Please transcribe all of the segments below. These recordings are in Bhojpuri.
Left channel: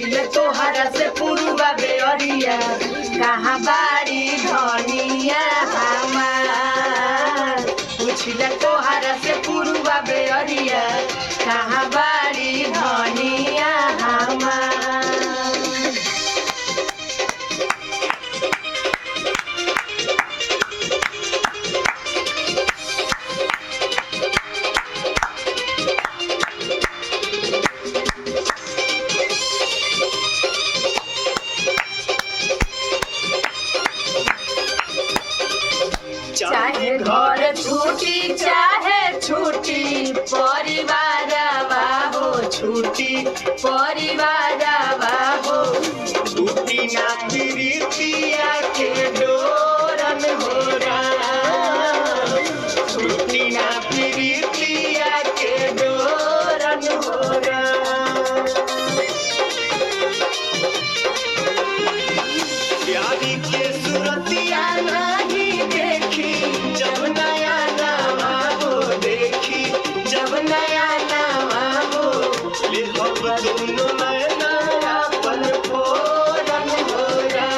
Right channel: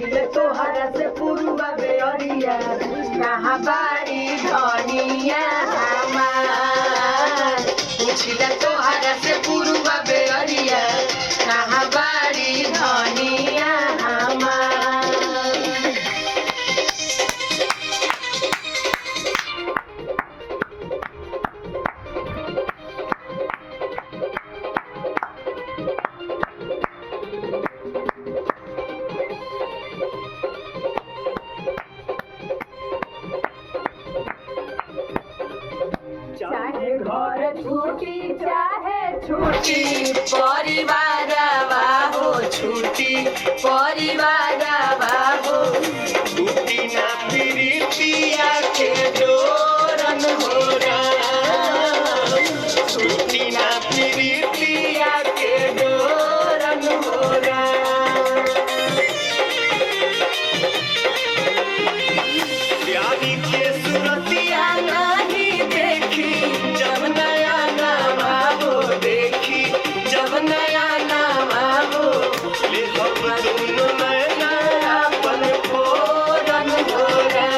पूछिले तोहरा से पुरुबा बेअरिया कहाँ बाड़ी धनिया हमार। पूछिले तोहरा से पुरुबा बेअरिया कहाँ बाड़ी धनिया हमार। चाहे घर छूटी चाहे छूटी परिवार बाबो छूटी परिवार बाबो छूटी ना प्रीतिया के डोरन होरा छूटी ना प्रीतिया के डोरन होरा। प्यारी के सुरतिया नहीं देखी जब नया नामा हो देखी जब नया नामा हो ले हम दोनों नया अपन फोरन होगा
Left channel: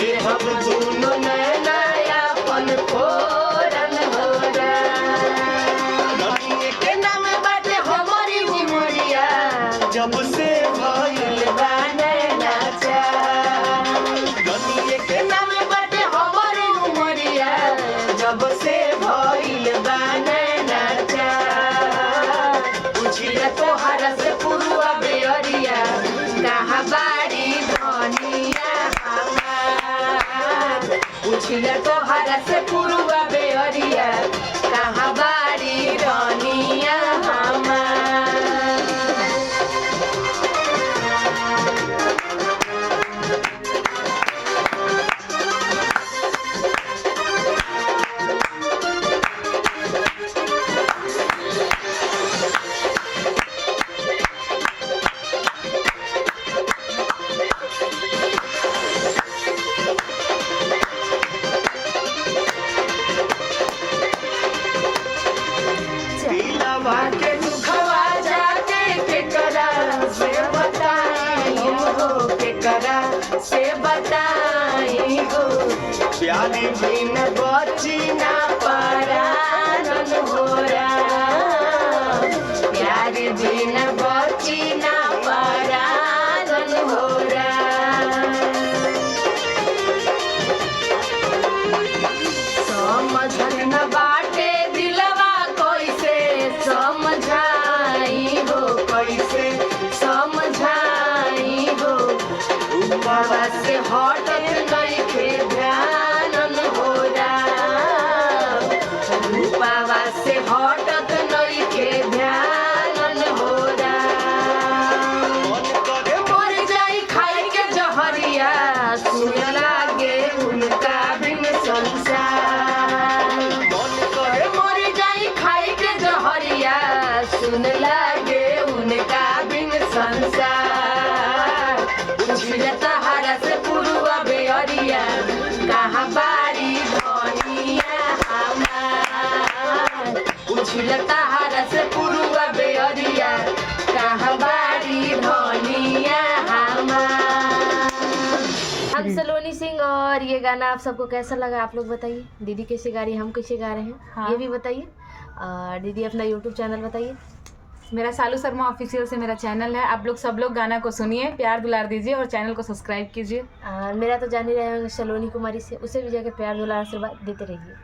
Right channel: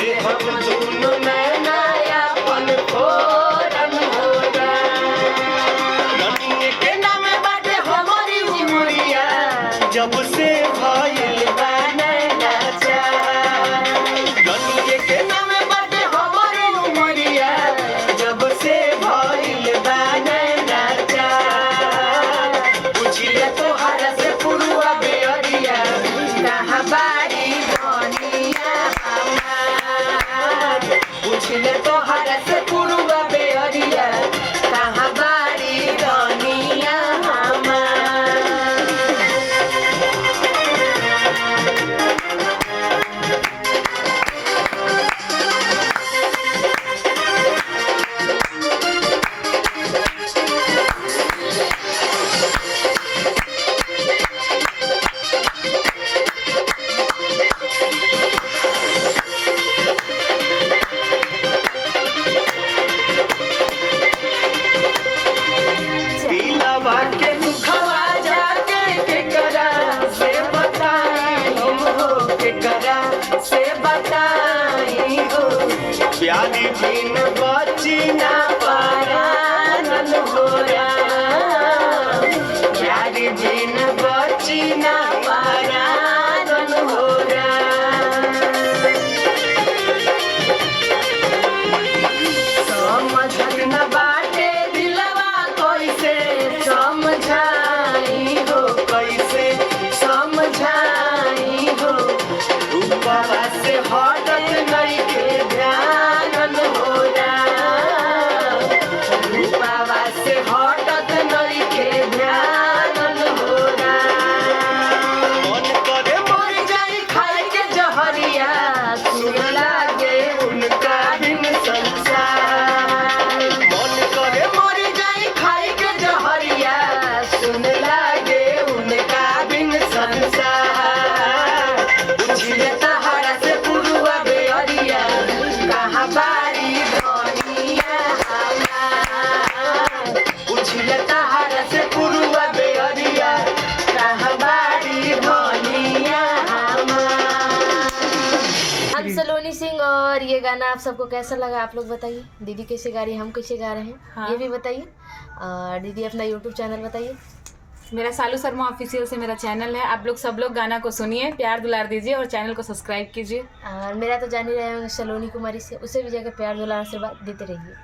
ले हम दोनों नया अपन फोरन होगा। धनिया के नाम बाटे हमारी उमरिया जब से भइल बाने नाचा धनिया के नाम बाटे हमारी उमरिया जब से भइल बाने नाचा। पूछिले तोहरा से पुरुबा बेअरिया कहाँ बाड़ी धनिया हमार। पूछिले तोहरा से पुरुबा बेअरिया कहाँ बाड़ी धनिया हमार। दिलवा के दुखवा जाके केकरा से बताई हो केकरा से बताई हो। प्यारी बिन बची ना परानन होरा प्यारी बिन बची ना परानन होरा। समझन न बाटे दिलवा कैसे समझाई हो कैसे समझाई हो। रूपवा से हटत नहीं के ध्यान होरा रूपवा से हटत नहीं के ध्यान होरा। मन करे मर जाई खाई के जहरिया सुन लागे उनका दिन संसार। मन करे मर जाई खाई के जहरिया सुन लागे उनका बिन संसार। पूछिले तोहरा से पुरुबा बेअरिया कहाँ बाड़ी धनिया हमार। पूछिले तोहरा से पुरुबा बेअरिया कहाँ बाड़ी धनिया हमार। हम सलोनी सिंह और ये गाना आप सबको कैसा लगा आप लोग बताइए। दीदी कैसे गा रही है हम कैसे गा रहे हैं हाँ। ये भी बताइए। दीदी अपना यूट्यूब चैनल बताइए। मेरा सालू शर्मा ऑफिशियल से मेरा चैनल है। आप लोग सब लोग गाना को सुनिए प्यार दुलार दीजिए और चैनल को सब्सक्राइब कीजिए। मेरा तो जान ही रहे होंगे सलोनी कुमारी से उसे भी जाकर प्यार दुलार आशीर्वाद देते रहिए।